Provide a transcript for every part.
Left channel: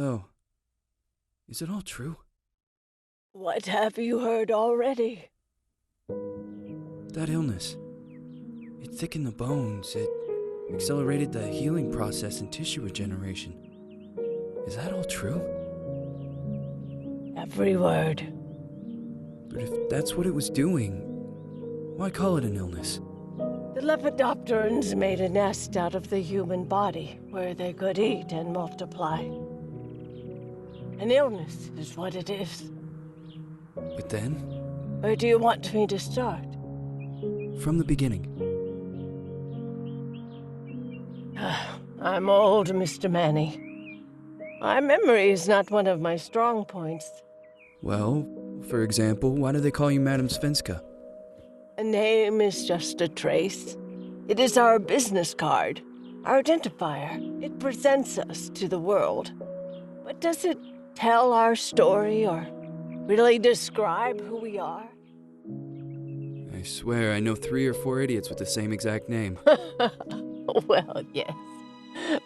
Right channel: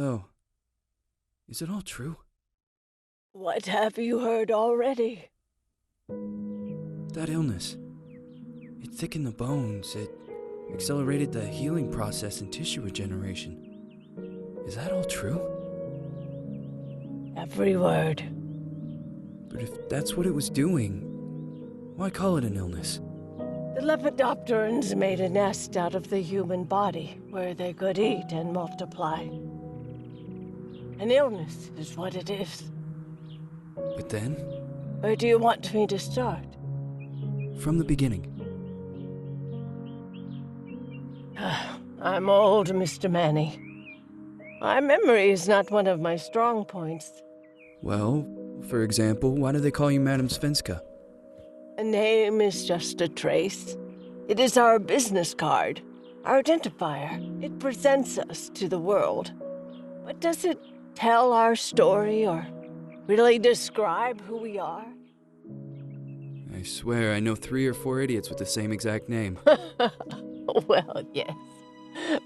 Oh, is it all true? What have you heard already? That illness. It thickened the bones. It accelerated the healing process and tissue regeneration. Is that all true? Every word. But if that's what it was doing, why call it an illness? The Lepidopterans made a nest out of the human body where they could eat and multiply. An illness is what it is. But then, Where do you want me to start? from the beginning. I'm old, Mr. Manny. My memory is not one of my strong points. Well, for example, why do they call you Madame Svenska? A name is just a trace. It is our business card, our identifier. It presents us to the world. But does it tell our story or really describe who we are? I swear I know 3 or 4 idiots with the same exact name. Well, yes.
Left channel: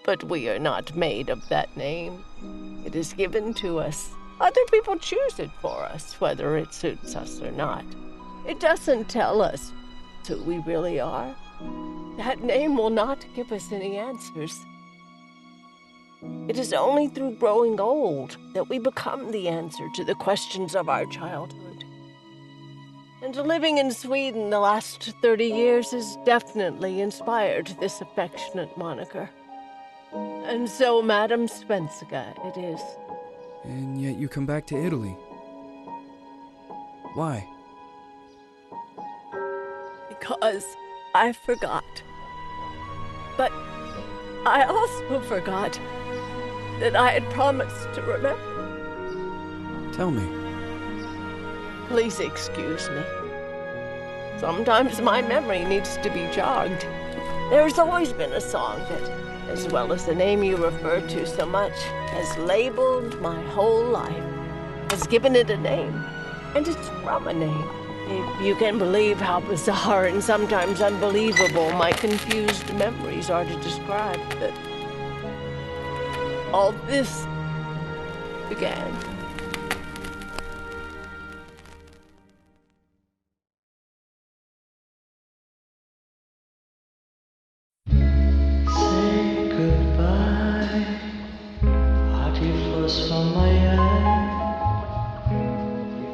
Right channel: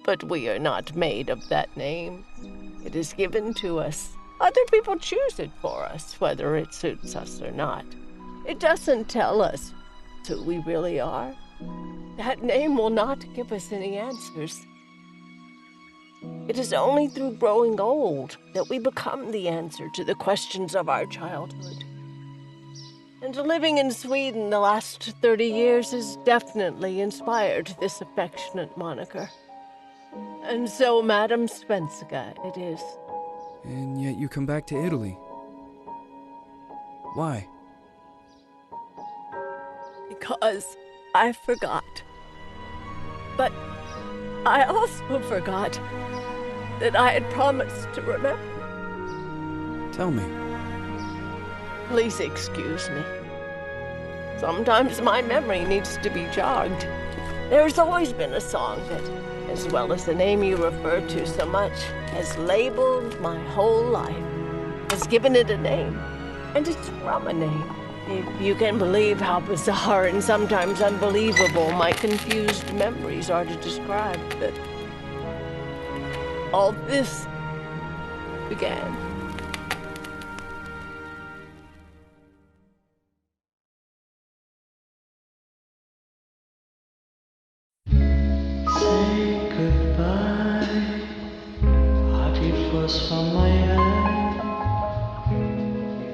But we are not made of that name. It is given to us. Other people choose it for us, whether it suits us or not. It doesn't tell us who we really are. That name will not give us any answers. It is only through growing old that we become the answer to the questions of our childhood. And living in Sweden the last 30 years has definitely inspired this affectionate moniker. And so, Madam Svenska, it is. And yet you come back to Italy. Why? Because I forgot. But I also forgot that I had promised to remember. Tell me. Please excuse me. Sometimes my memory needs to be jogged. There's always been a song that, as well as the name you refer to so much, has labeled my whole life, has given it a name, and it's from a name. If you can believe how bizarre and sometimes unbelievable my confused memories are to describe that all this began. Say goodbye, hearty frost from my eye.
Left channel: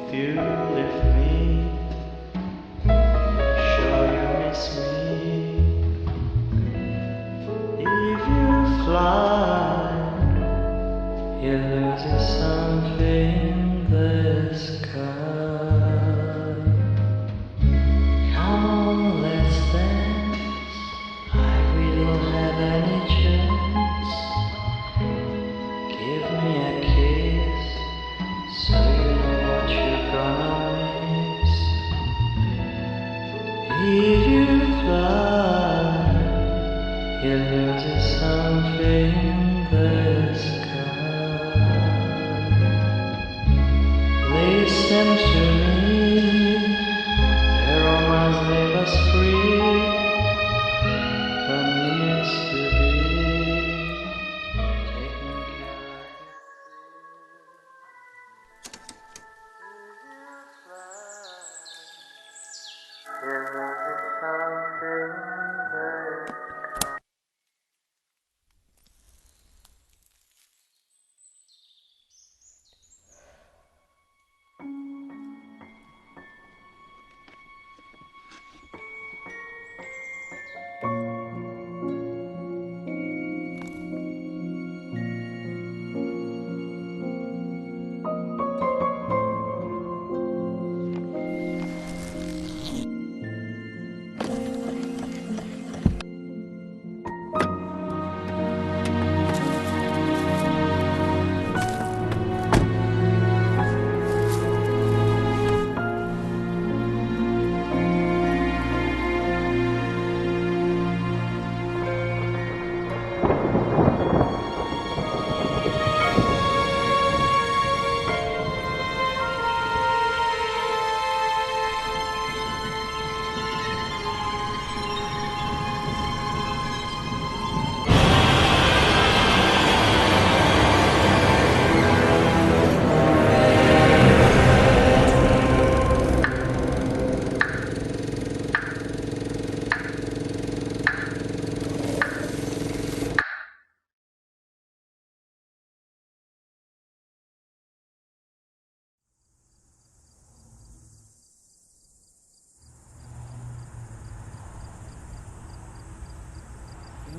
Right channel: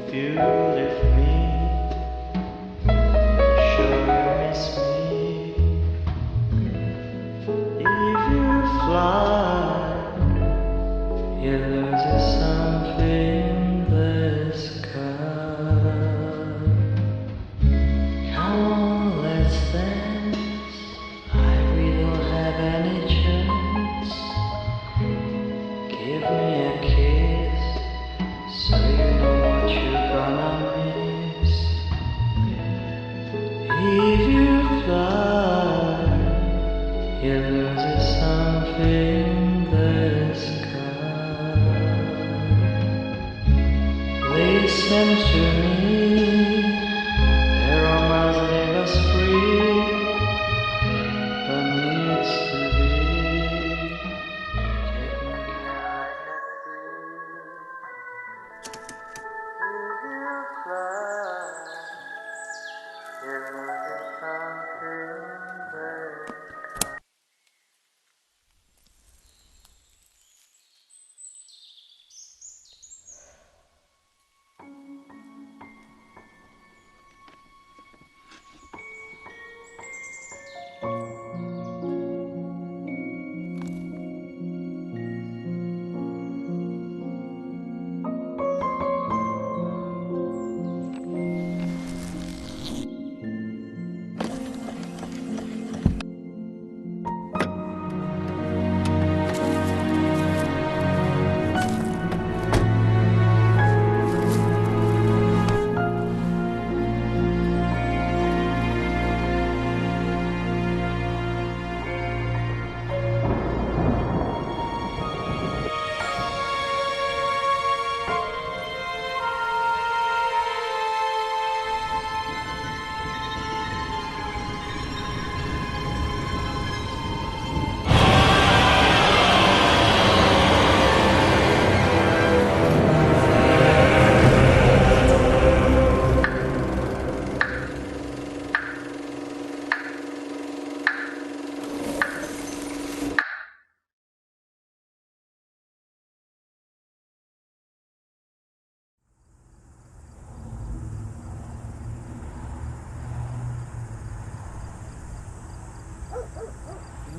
If you leave me, sure you miss me. If you fly, you lose something in the sky. Come on, let's dance. We don't have any chance. Give me a kiss, so you know what you're gonna miss. If you fly, you lose something in the sky. Listen to me, the romance leave us free. But needs to be taken care of. If you fly, there is something there.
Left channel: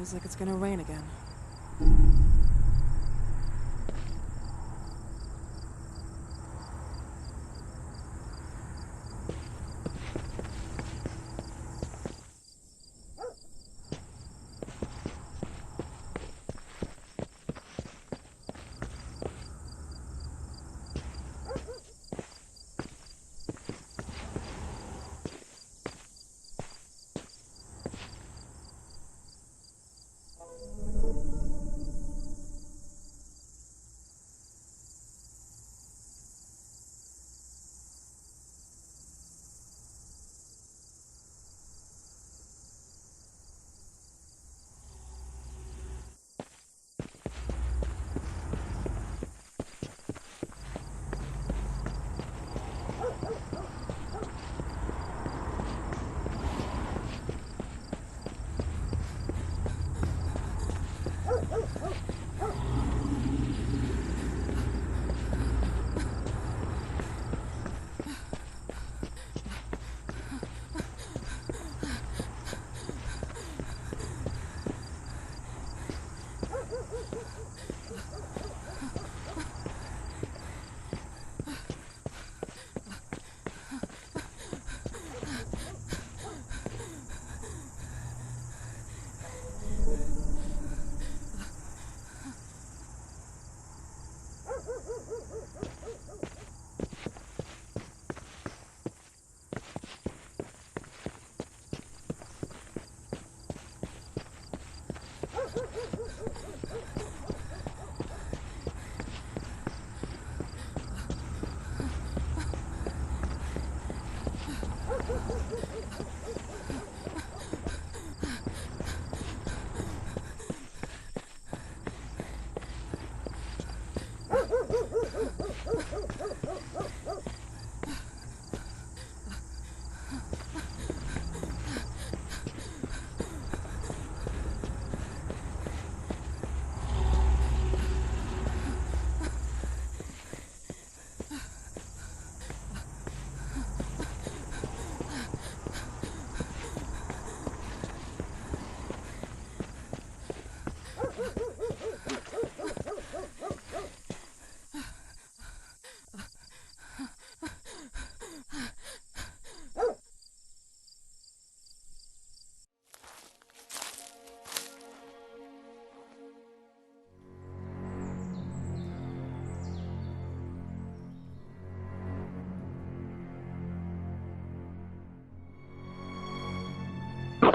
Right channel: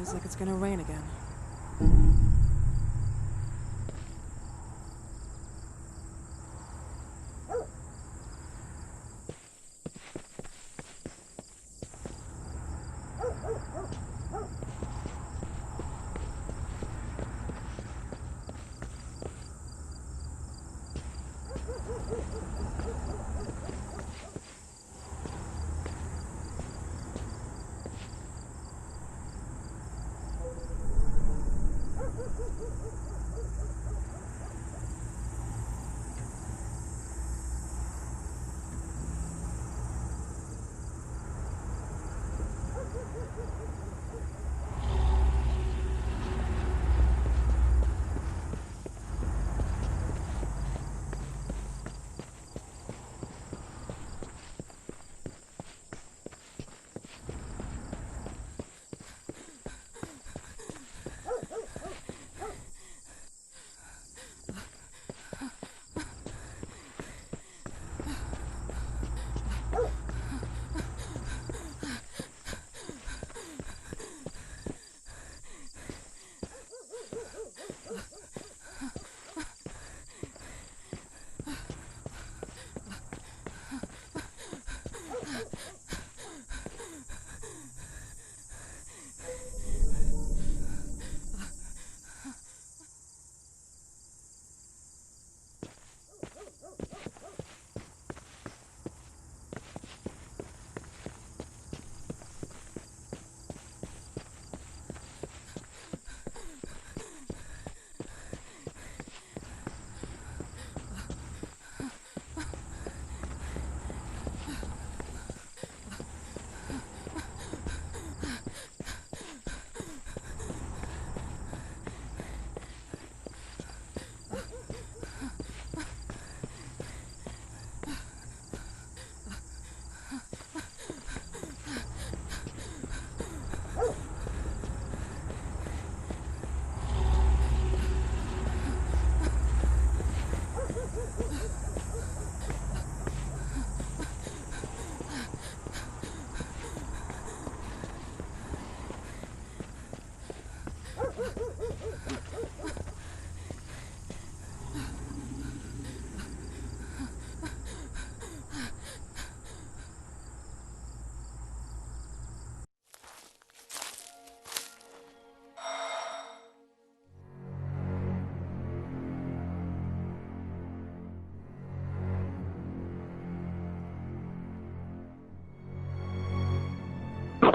Feels like it's gonna rain again.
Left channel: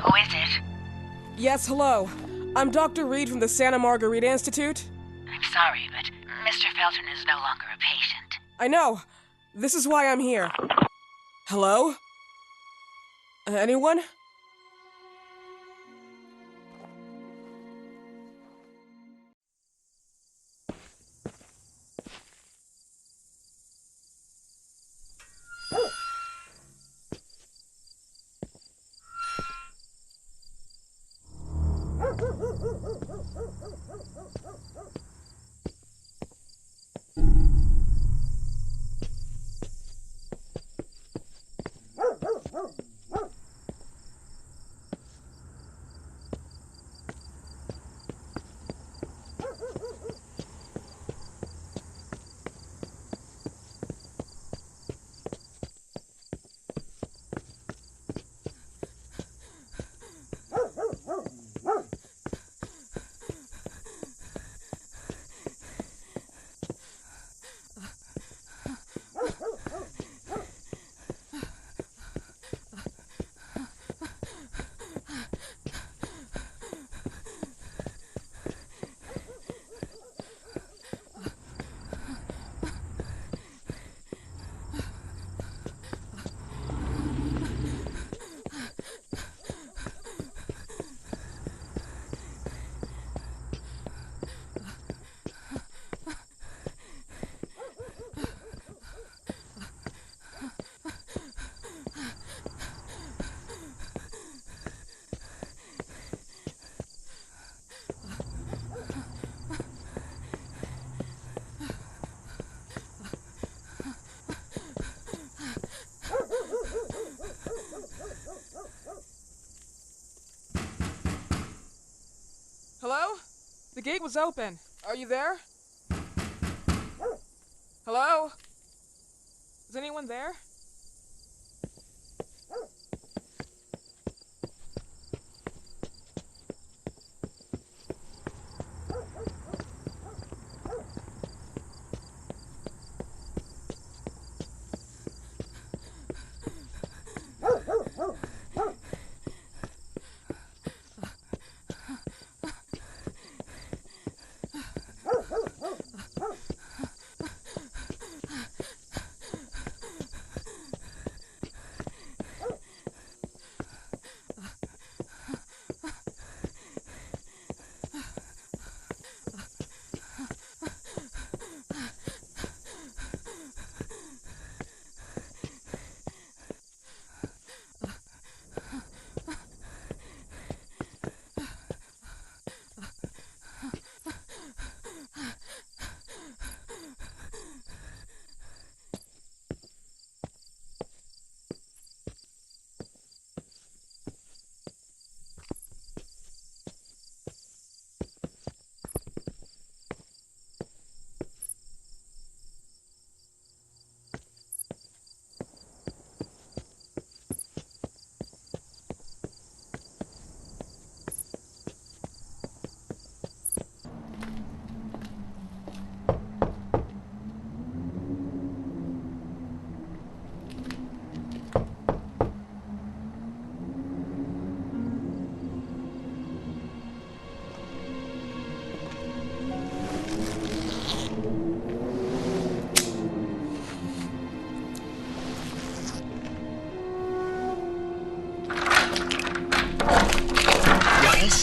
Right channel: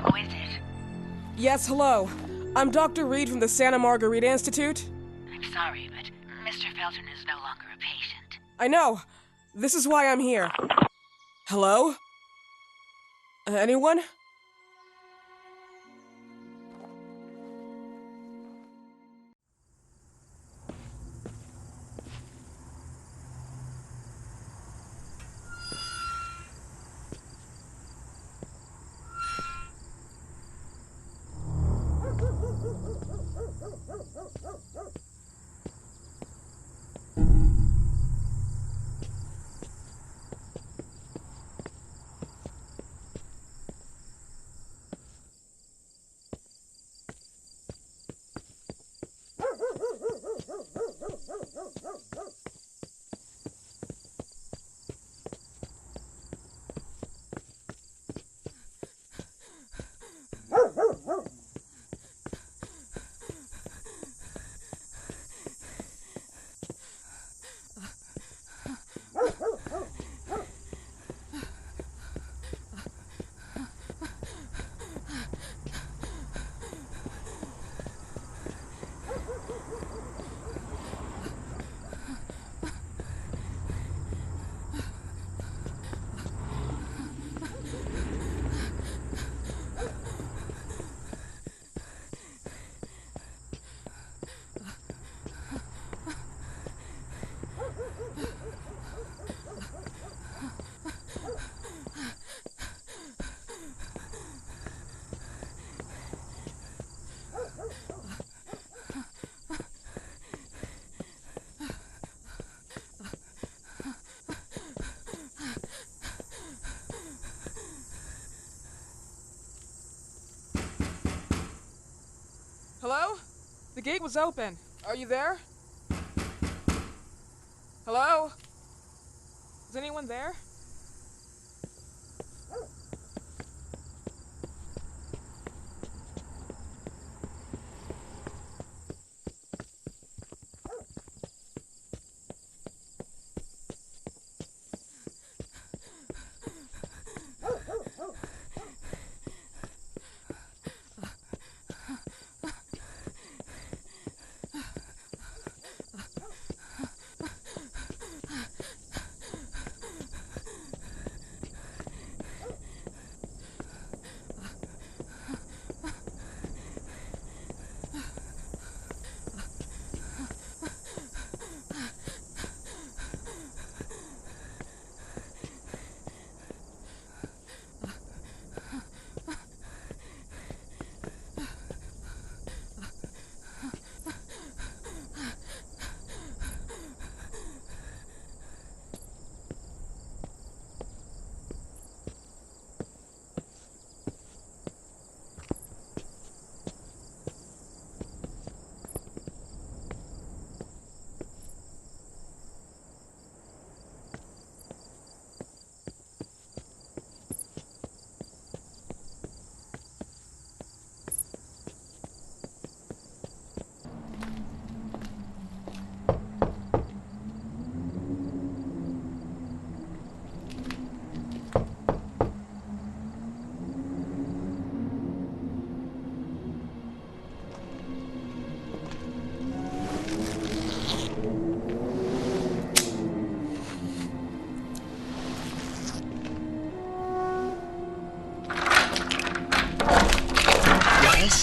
Who is it? Yes, hello. I'm Dr. Reed from the Santa Margarita Institute. I'm sorry, but Mr. Felton is no longer a patient. I know. This is why I'm here. Hello? Anyone? gate was open. Are you there? Hello? Is anyone there?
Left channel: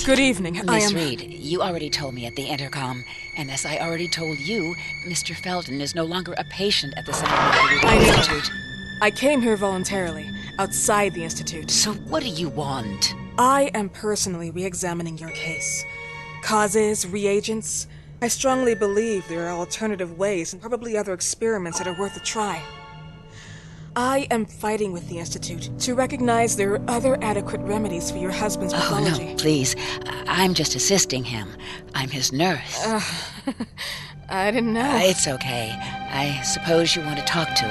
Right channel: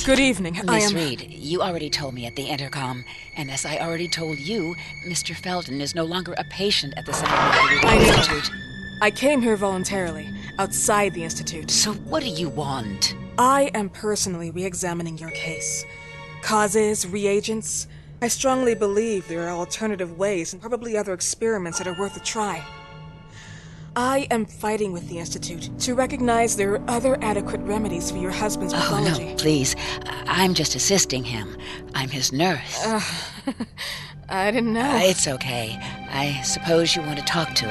Good evening. Miss Reed, you already told me at the intercom, and as I already told you, Mr. Felton is no longer a patient at the Santa Margarita Institute. I came here voluntarily, outside the Institute. So what do you want? I am personally re-examining your case. Causes, reagents. I strongly believe there are alternative ways and probably other experiments that are worth a try. I am fighting with the Institute to recognize there are other adequate remedies for your husband's pathology. Oh, no, please. I'm just assisting him. I'm his nurse. I didn't know. It's okay. I suppose you want to talk to him.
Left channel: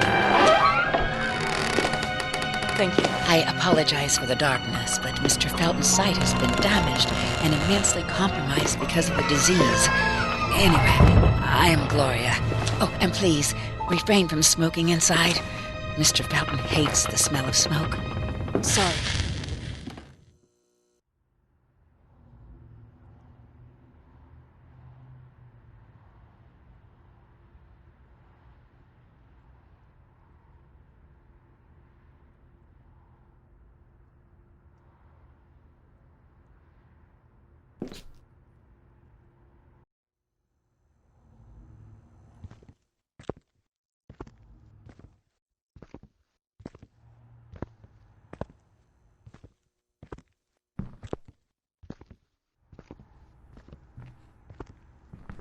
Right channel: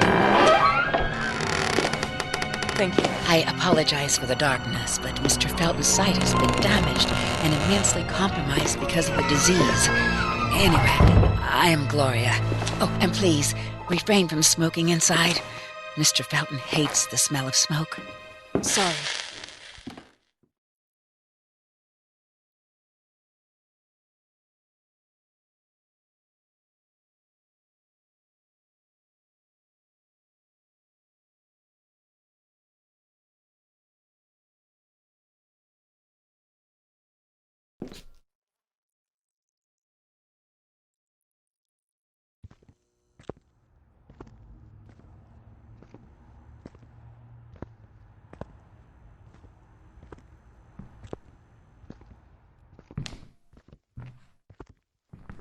Thank you. I apologize for the darkness, but Mr. Felton's sight has been damaged and immensely compromised because of the disease. Anyway, I am Gloria. Oh, and please, refrain from smoking inside. Mr. Felton hates the smell of smoke. Sorry.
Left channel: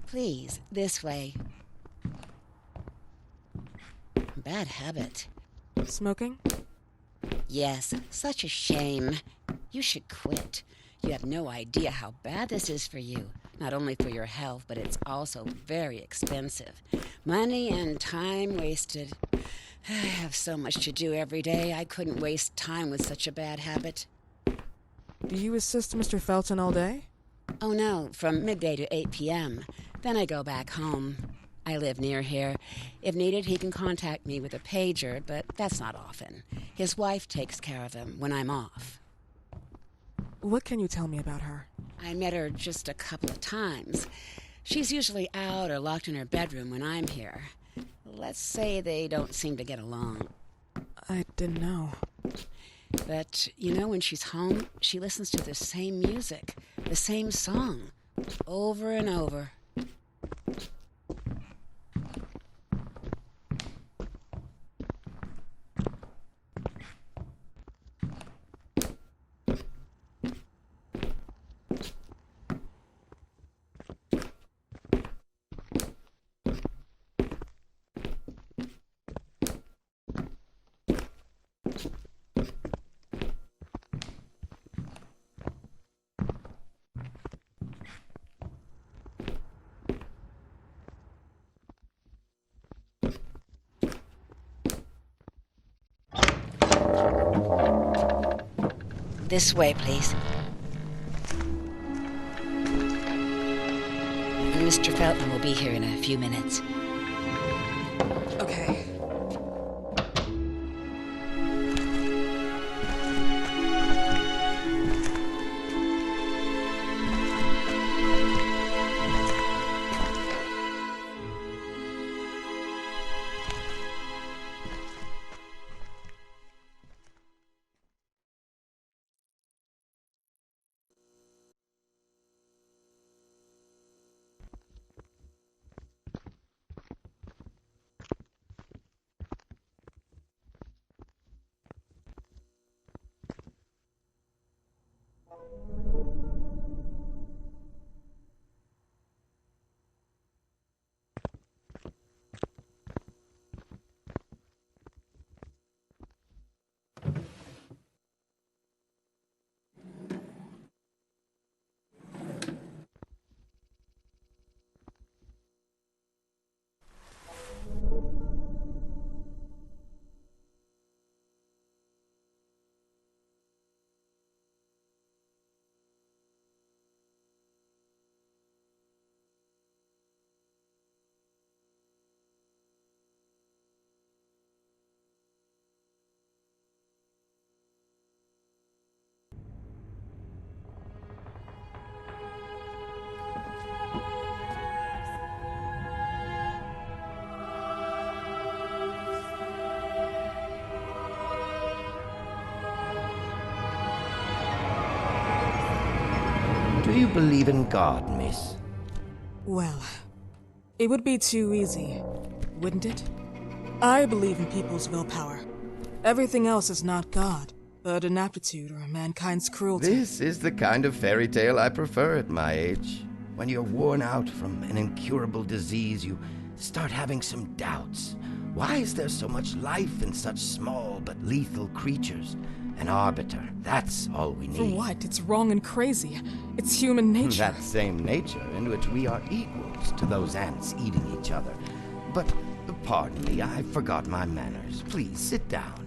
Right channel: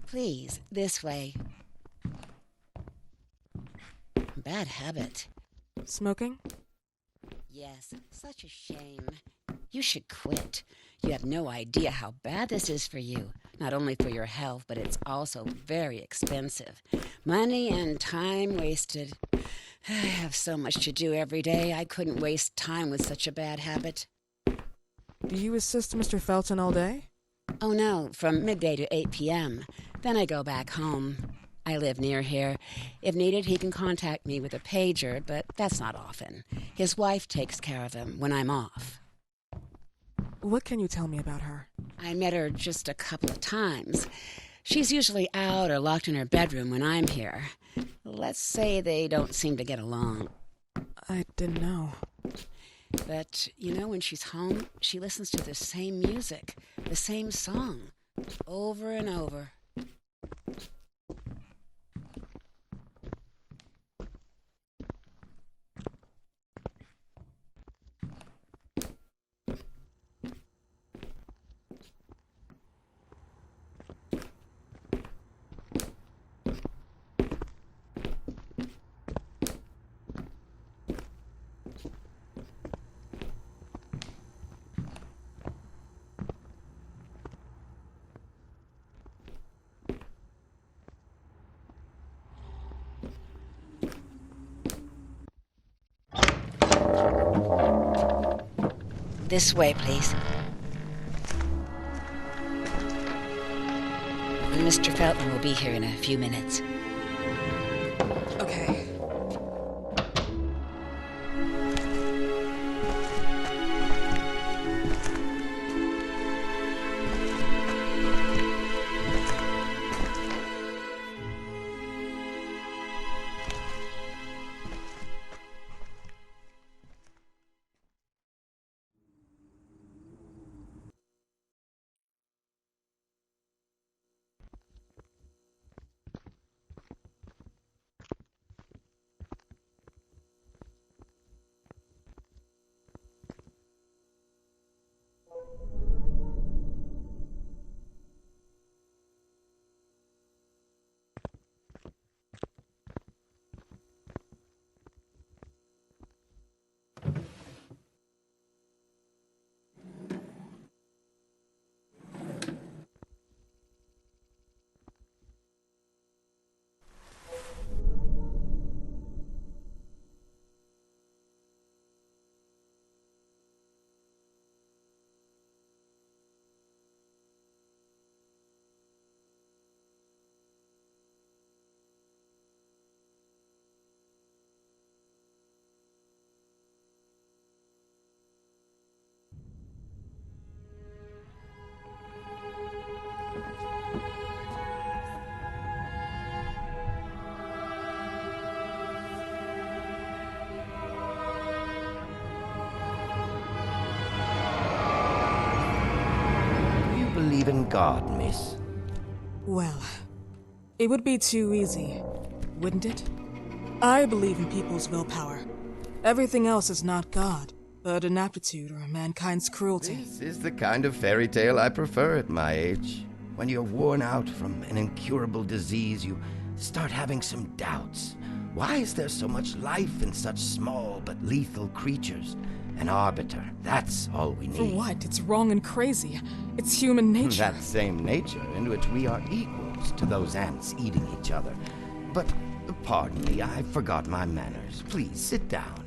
Please, this way. Bad habit. Smoking? Yes, such a shame. You should quit. You have no idea how bad this is for you. Not only for your health, but it's also very expensive. Money and time wasted. I have so much to do every day. I couldn't waste time with such a bad habit. Do you assist Mr. Felton all day? Oh no, from midday to 8 p.m. Then I go back home. I live near here. If needed, he can contact me with a pager, but that's not often. His wife takes care of him when I'm off. What can you tell me about her? I met her just a couple of times. She's usually out or locked in her bedroom when I'm here. Let's say they don't seem to get along. I didn't know. But, you know, when she's home, she listens to the same music, the same song, over and over. This way, please. Mr. Felton will be here in a few minutes. Okay. Do you believe in God, miss? Well, it would be too easy, wouldn't it? I believe in people's willpower. Everything else is not God, but an aptitude or mankind's cruelty. This is the kind of fairy tale I prefer at my age. When you're worn out from an incurable disease, you start having some doubts. Why is there so much life in such small but lethal creatures? An arbiter, that's all we need. For what? It's wrong and crazy. It's human nature. That same nature in which we are equals to those ants eating each other. But, pardon me, I forgot my manners. Please, sit down.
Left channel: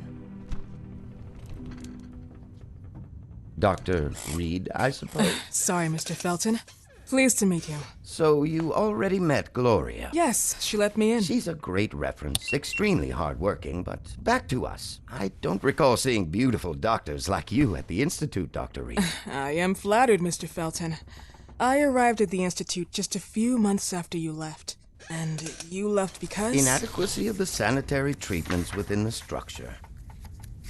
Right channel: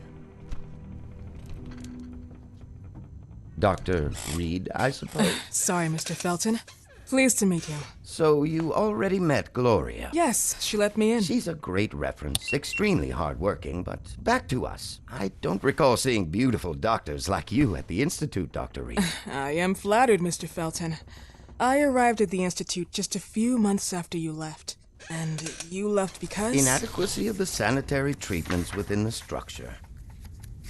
Dr. Reed, I suppose? Sorry, Mr. Felton. Pleased to meet you. So you already met Gloria? Yes, she let me in. She's a great reference, extremely hardworking, but back to us. I don't recall seeing beautiful doctors like you at the Institute, Dr. Reed. I am flattered, Mr. Felton. I arrived at the Institute just a few months after you left. And you left because? Inadequacy of the sanitary treatments within the structure.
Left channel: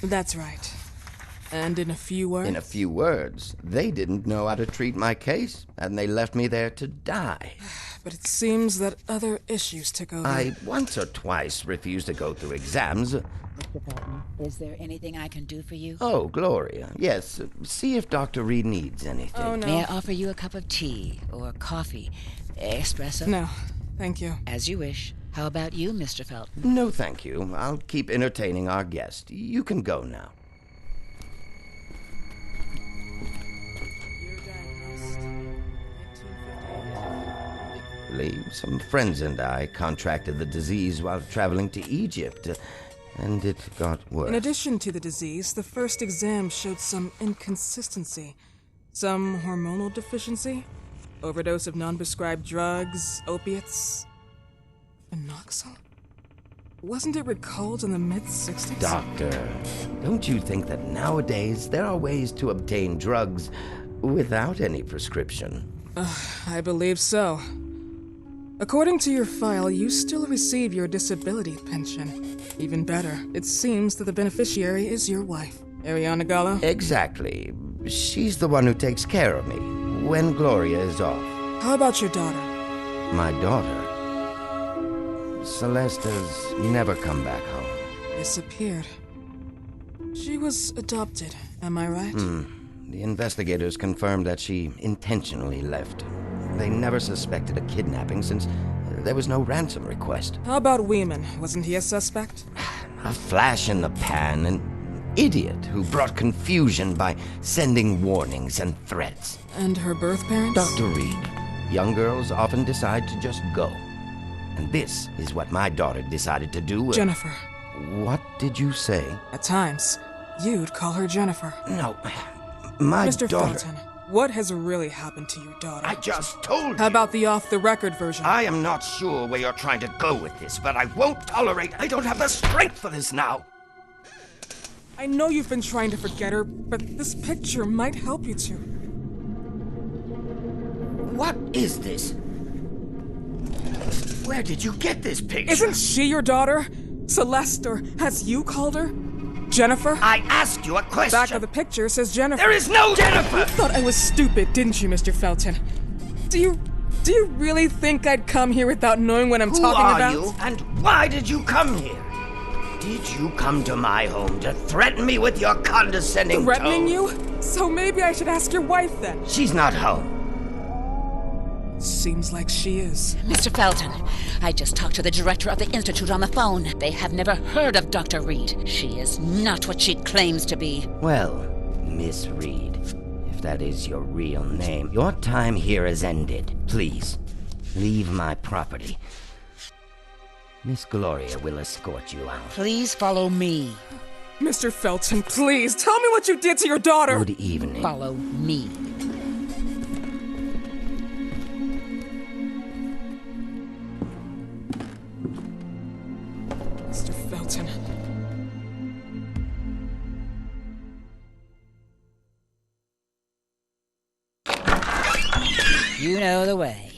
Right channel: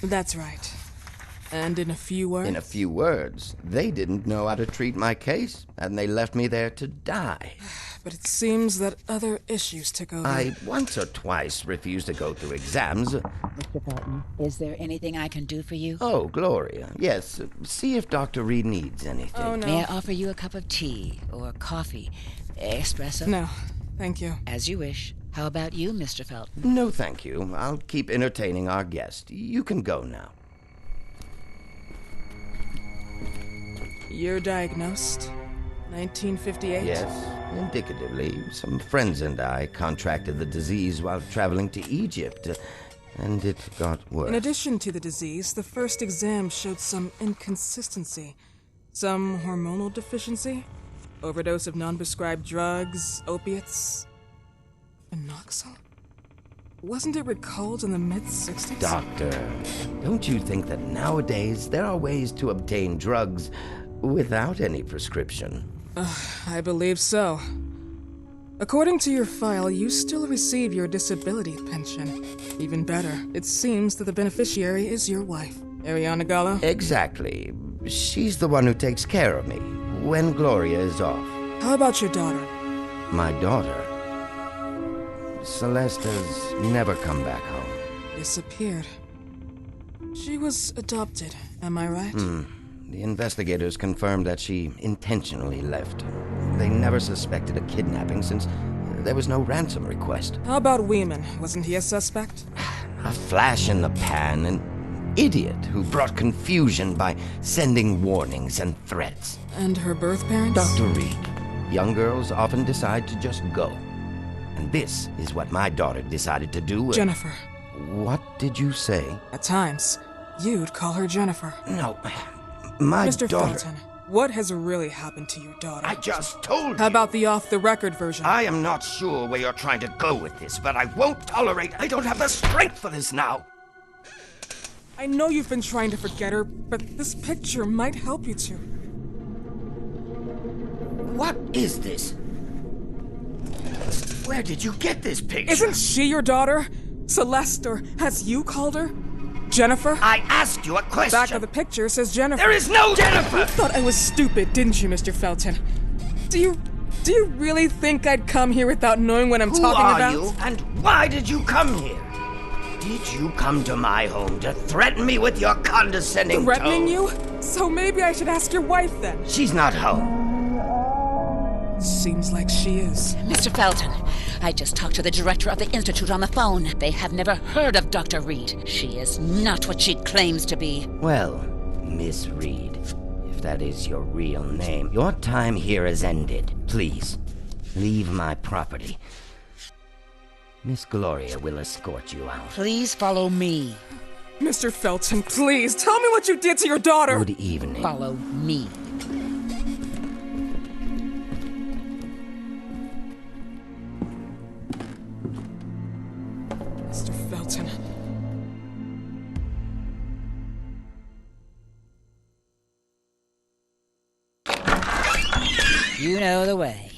That's right. And in a few words? In a few words, they didn't know how to treat my case, and they left me there to die. But it seems that other issues took over. I once or twice refused to go through exams. Mr. Felton, is there anything I can do for you? Oh, Gloria, yes. See if Dr. Reed needs anything. Oh, no. May I offer you a cup of tea or coffee? Espresso? No, thank you. As you wish. How about you, Mr. Felton? No, thank you. I'll keep entertaining our guest. You can go now. You're diagnosed? 1958? Yes, indicatively. Some friends and I contracted the disease while traveling to Egypt, and it got worse. In addition to the disease, the first exam showed some inconsistency. Some hormonal deficiency? Overdose of non-prescribed drugs, opiates? Phenoxyl? Wasn't it recalled in the mid-60s? Doctor, don't you think that nowadays there are ways to obtain drugs without any prescription? I believe so. According to your file, you still receive your disability pension. Even better, it seems that the beneficiary is your wife, Ariana Gallo. Exactly. She's the one who takes care of me when Gloria is off. How about your daughter? My daughter, Celeste, has never come back home. Disappeared. She was adopted, am I right? The investigators confirmed that she intentionally left. They never suspected a kidnapping since there was no ransom request. How about Weeman? Wasn't he a suspect? A flash in the pan, an idiot who brought confusion by sending warnings and threats. And her birth parents? Dr. Reed, young girls often decide to just go. And this is what my daughter decided to do. Jennifer. What did you say? At times, you'd call her Jennifer. No, My Mr. daughter... Felton, what has really happened to your daughter? I just told you. How about the off-the-record version? I am not sure where you're trying to go with this, but I won't tolerate... I don't have the strength for this now. I know you've been trying to forget her, but this picture might help you to. What is this? Where did you get this picture? Isn't she your daughter? Celeste, or has you called her? Jennifer? I asked you a question. Back of the picture says Jennifer. There is no Jennifer! You thought I was stupid, didn't you, Mr. Felton? Do you really think I'd come here without knowing what I'm talking about? Who are you, and why did you come here? Did you come to my home to threaten me with your condescending Threatening tone? you? So maybe I should ask your wife then. She's not home. Seems like she is. Mr. Felton, I just talked to the director of the Institute on the phone. They have never heard of Dr. Reed. She is not what she claims to be. Well, Miss Reed, if that is your real name, your time here has ended. Please, leave my property. Miss Gloria will escort you out. Please follow me. Mr. Felton, please, tell me what you did to your daughter! Good evening. Follow me. Mr. Felton. You know the way.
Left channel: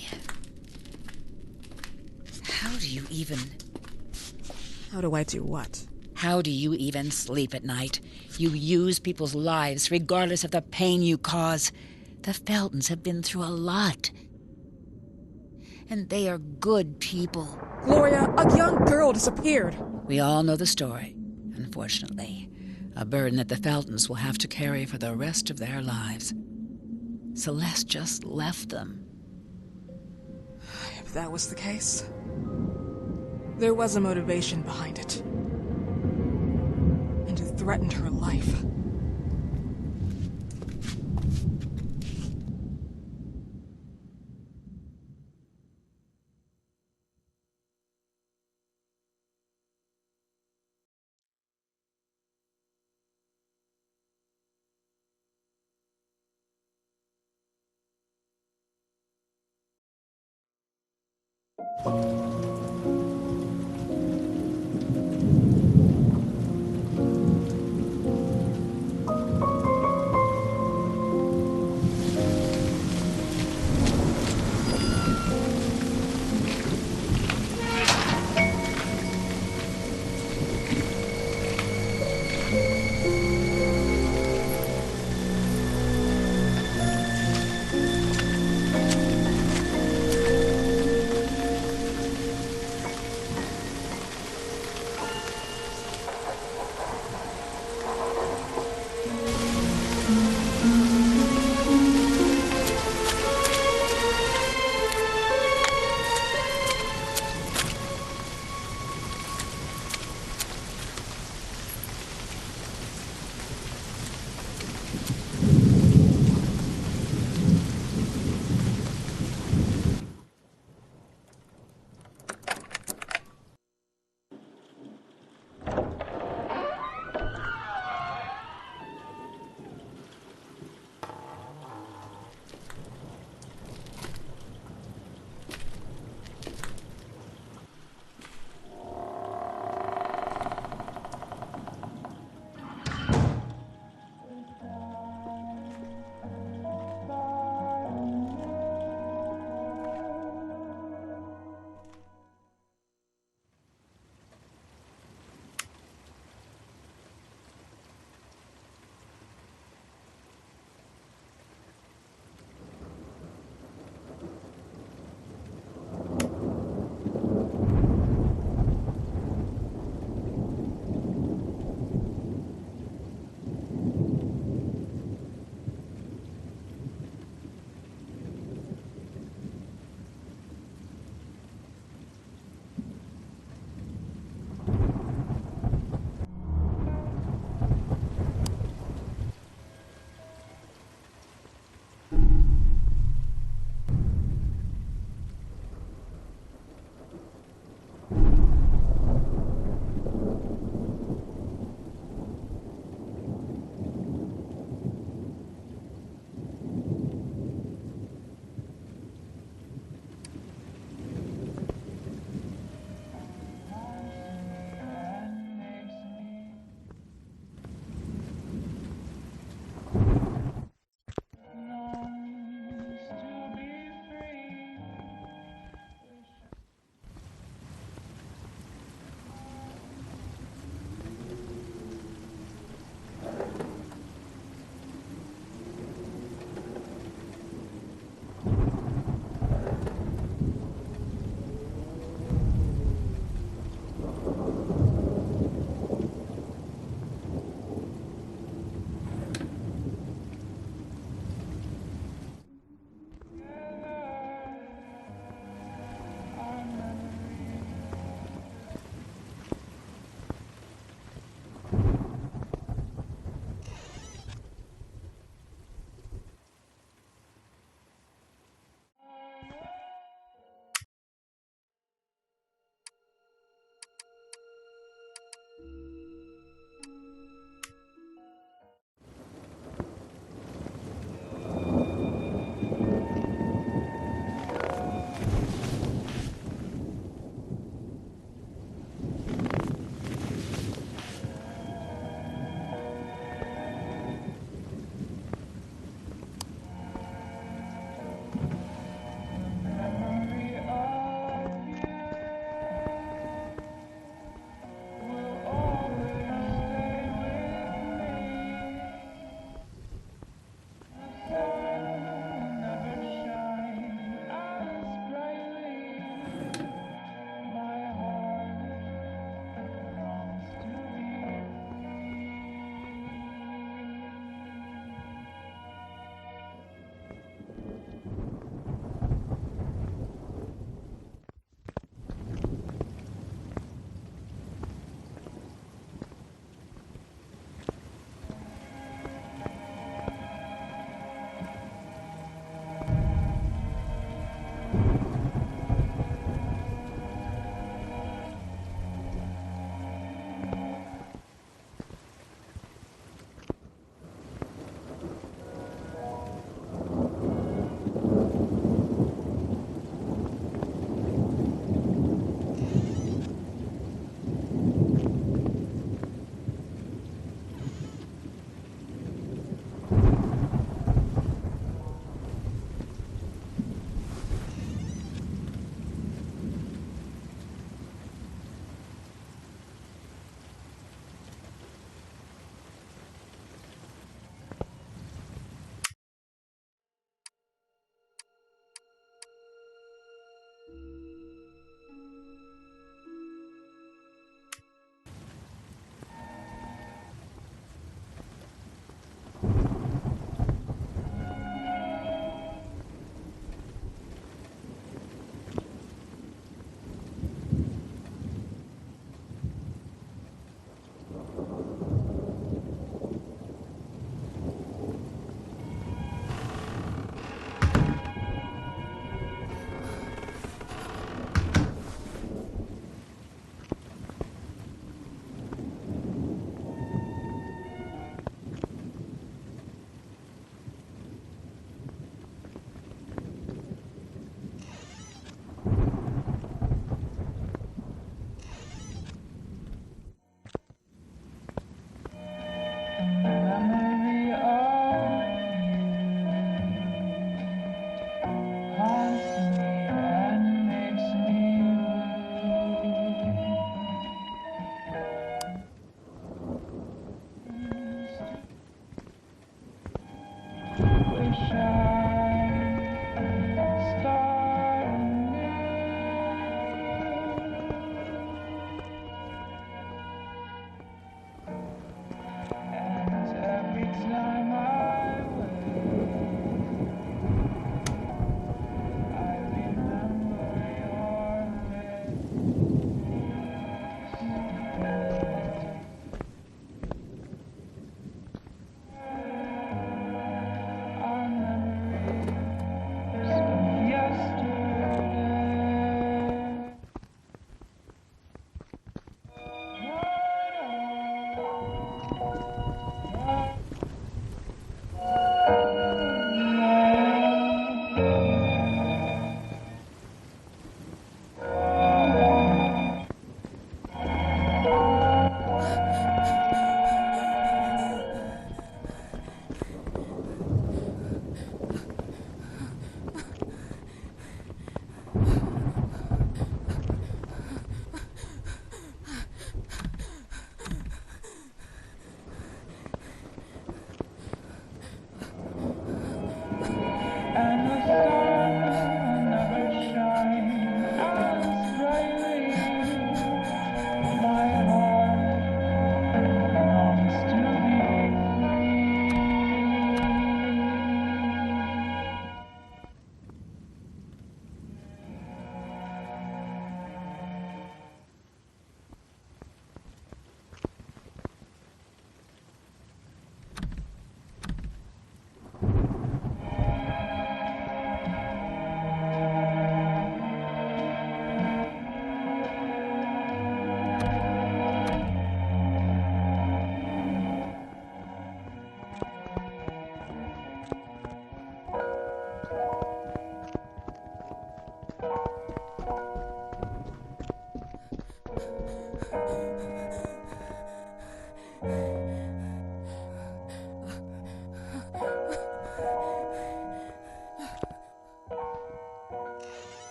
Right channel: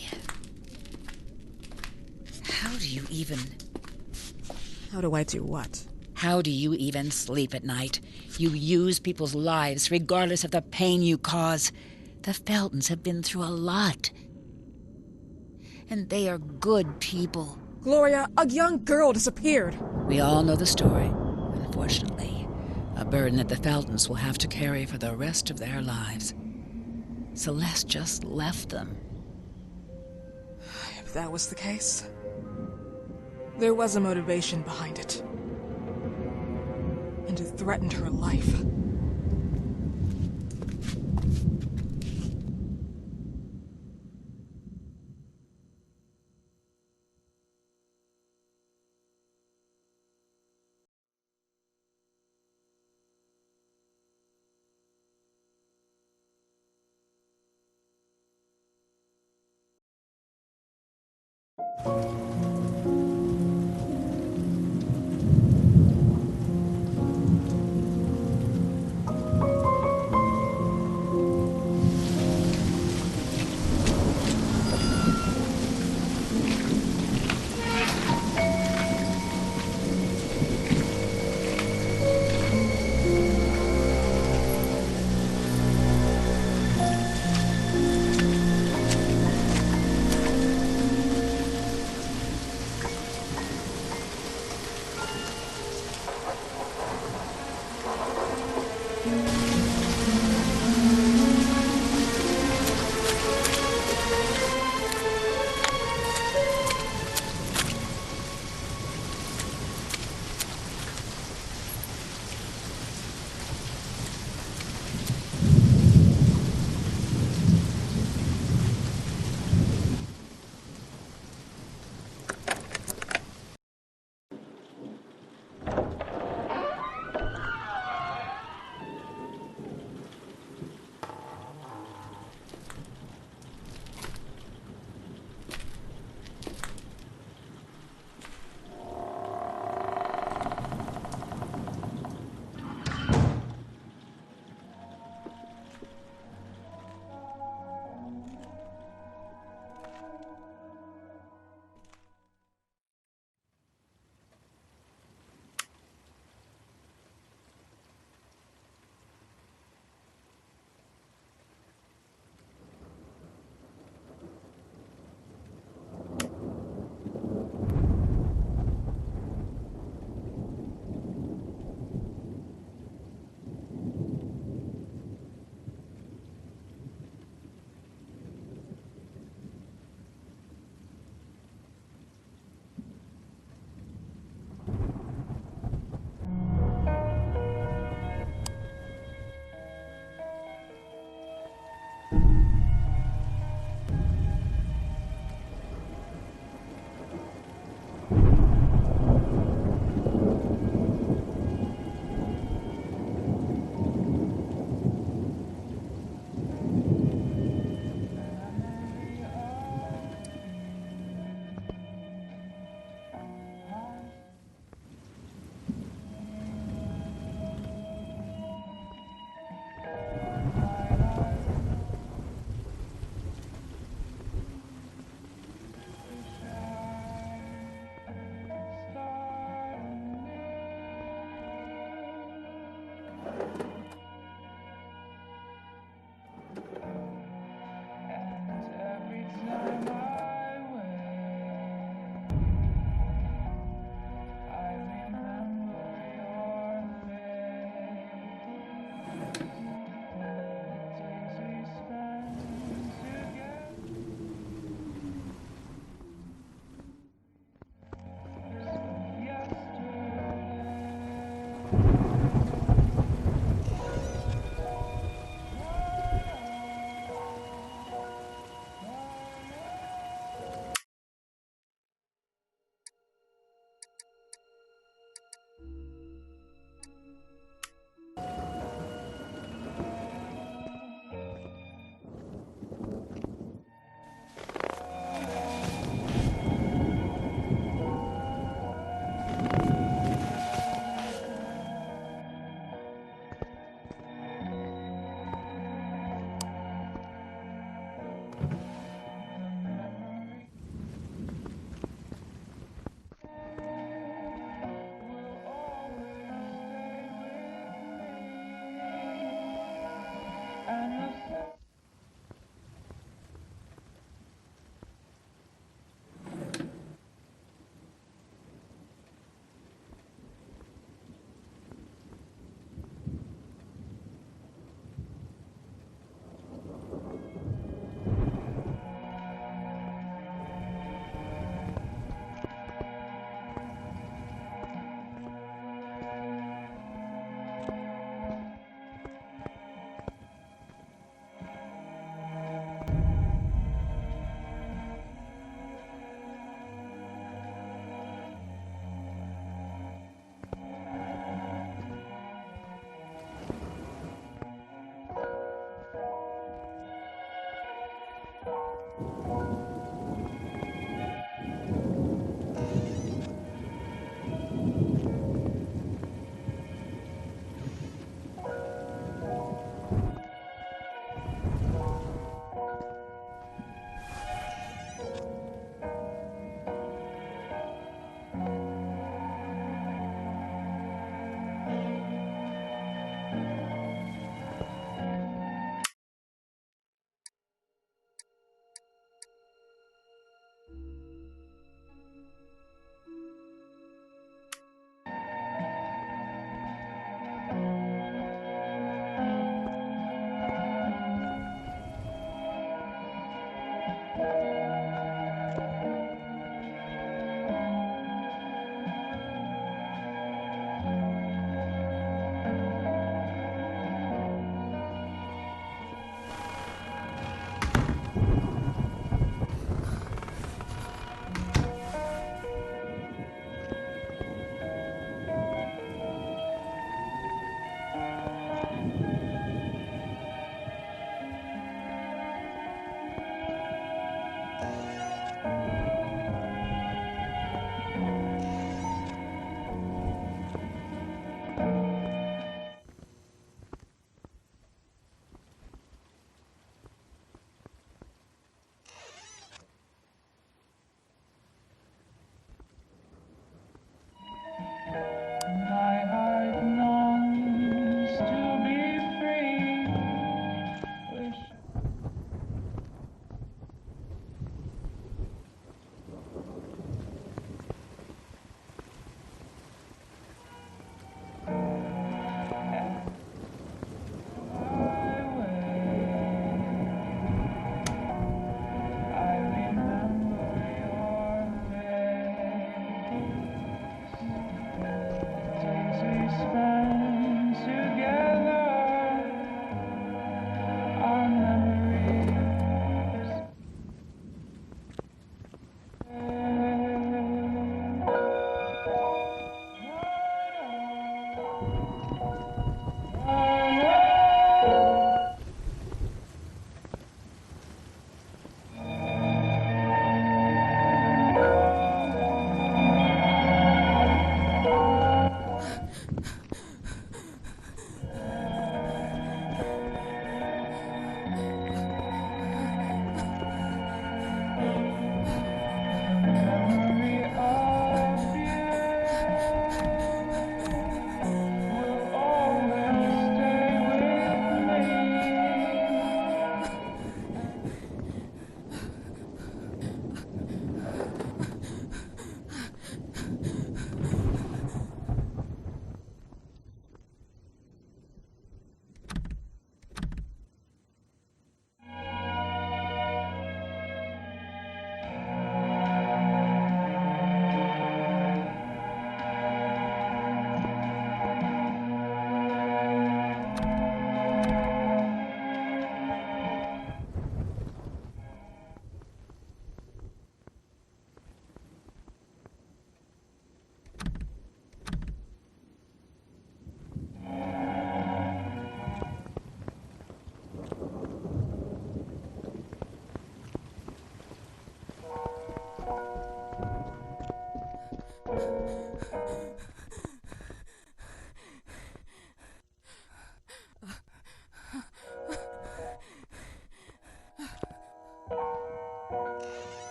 How do you even... How do I do what? How do you even sleep at night? You use people's lives regardless of the pain you cause. The Feltons have been through a lot. And they are good people. Gloria, a young girl disappeared. We all know the story, unfortunately. A burden that the Feltons will have to carry for the rest of their lives. Celeste just left them. If that was the case, there was a motivation behind it. And it threatened her life.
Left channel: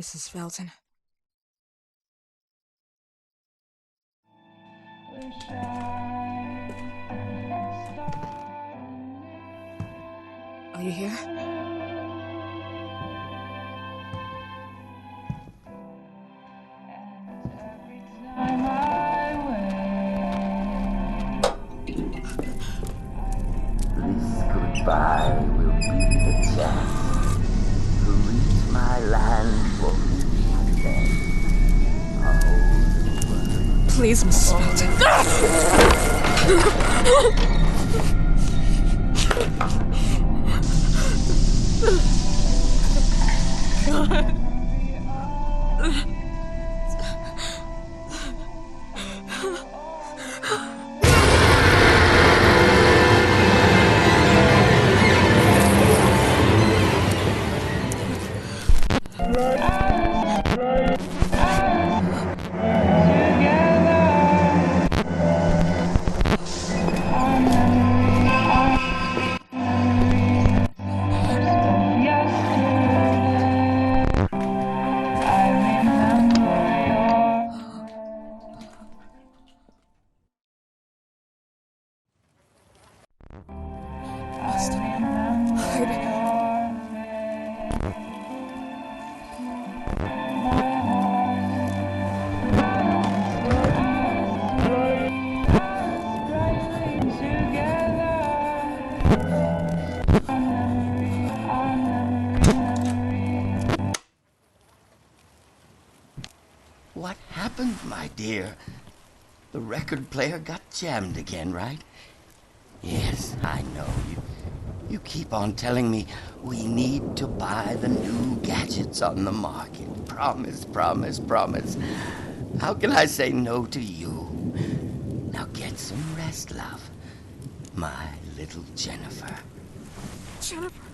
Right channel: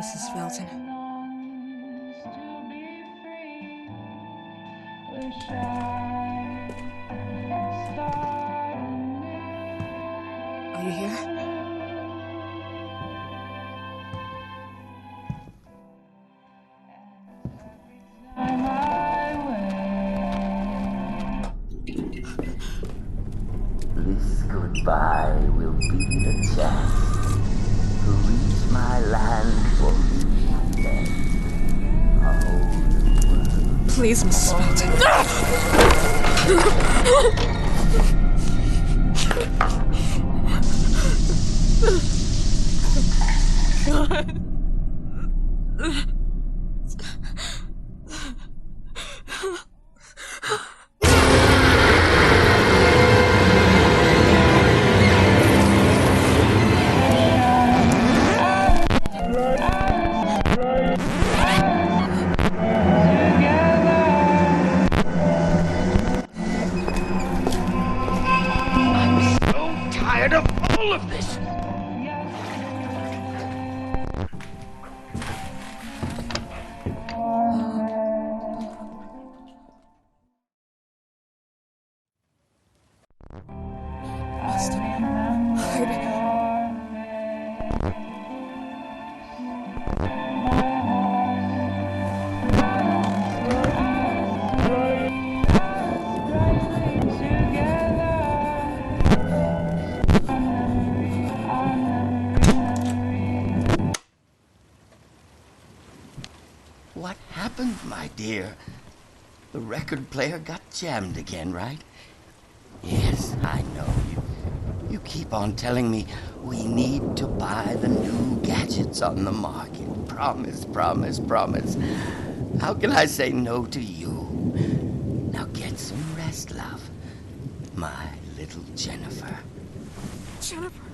Mrs. Felton. Are you here? This goodbye will be the chance to reach my land for me and then a whole new world. Please, Mrs. Felton. God. What happened, my dear? The record player got jammed again, right? Yes, I know. You keep on telling me we need to buy the new gadgets on the market. Promise, promise, promise. How can I say no to you? Now get some rest, love. My little Jennifer. Jennifer.